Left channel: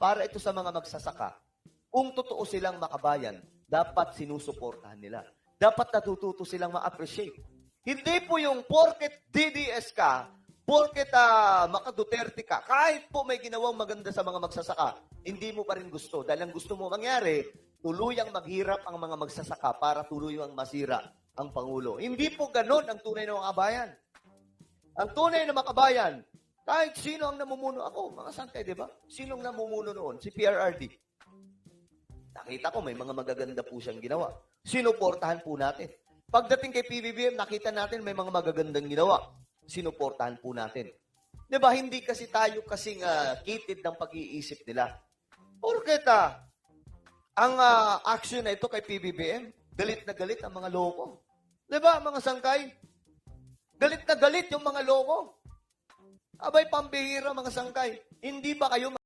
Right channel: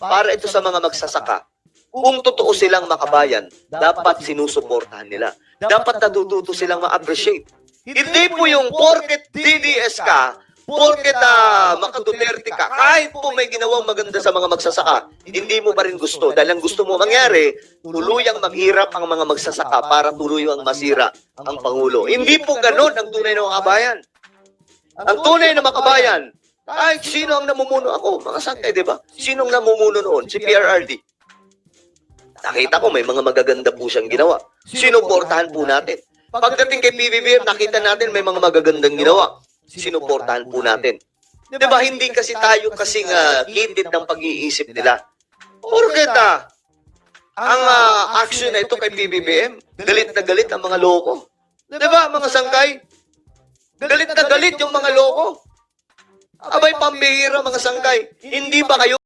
para ito sa mga magsasaka. Kung totoo silang makabayan, dapat sinusuportahan nila. Dapat natututo silang ma-appreciate. Hindi po yung porket DDS ka, porket makaduterte ka, kahit po may ginawang maganda sa mga magsasaka, hindi mo pa rin gusto. Dahil ang gusto mo mangyari, tuluyang maghirap ang mga magsasaka para tuluyang masira ang Pangulo. Hindi po ganun ang tunay na makabayan. Ang tunay na makabayan, kahit sino ang namumuno ako, mga sangkay, di ba? Sino ang namumuno noon? Si PRRD. Nakita ko may mga magaganda po siyang ginawa. Sinuportahan po natin. Pagdating kay PBBM, nakita natin may mga magagandang ginawa. Sinuportahan po natin. Di ba, hindi kasi tayo kasing kitid ng pag-iisip nila. Porket ang action na ito kay PBBM, galit na galit ang mga loko. Di ba, mga sangkay? Galit na galit yung mga loko. Abay, pambihira mga sangkay. Hindi ba kayo